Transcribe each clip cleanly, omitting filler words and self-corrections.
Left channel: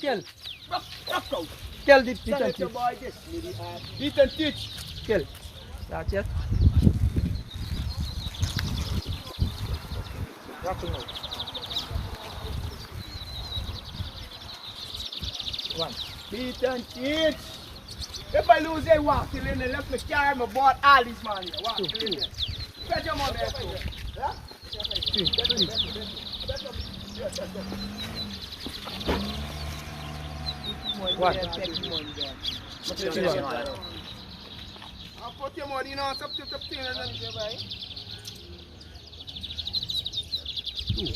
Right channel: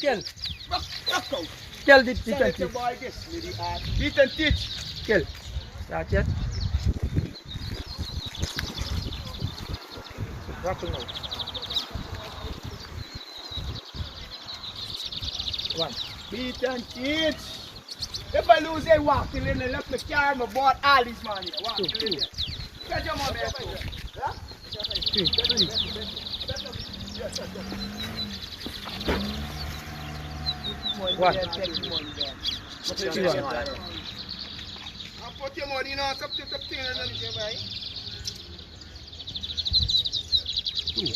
Kill. Rock out. Kill the beat Son, and let your teach. boy this. Lady art. Beat and teach. Kill. Start yet. Rocking out. One. Beat and teach. If I lose a walk, till then they left me carry my board all these man here. Walk. Two. Catch your money. Yeah? Three. One. I'll put your money in on some tip thing and then you buy. Two.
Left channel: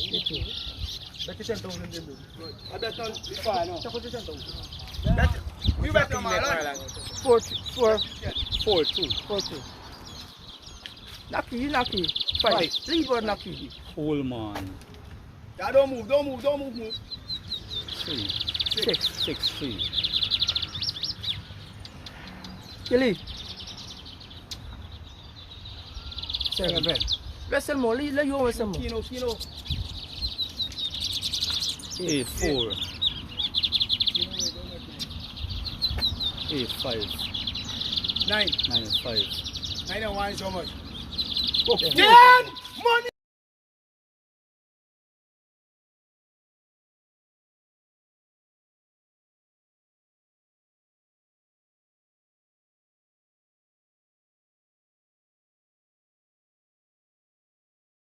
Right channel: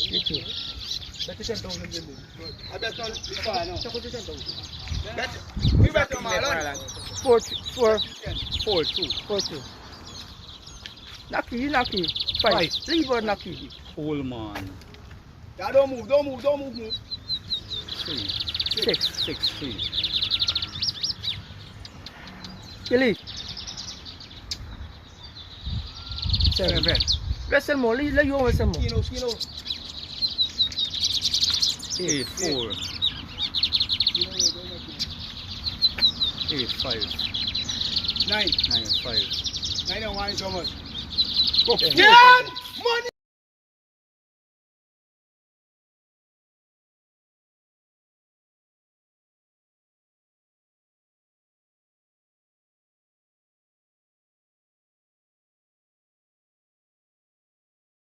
I bet on far now. Bet. You bet on Marlon. 4-2. Lucky. 5. 3 board lucky. Coleman. Yeah, don't move. 6. Kelly. 7. Wrestle more. Let you wrestle more. Kino. 8-4. 8-5. 9. 9-5. 9 and 1 so much. Okay. Ten! Money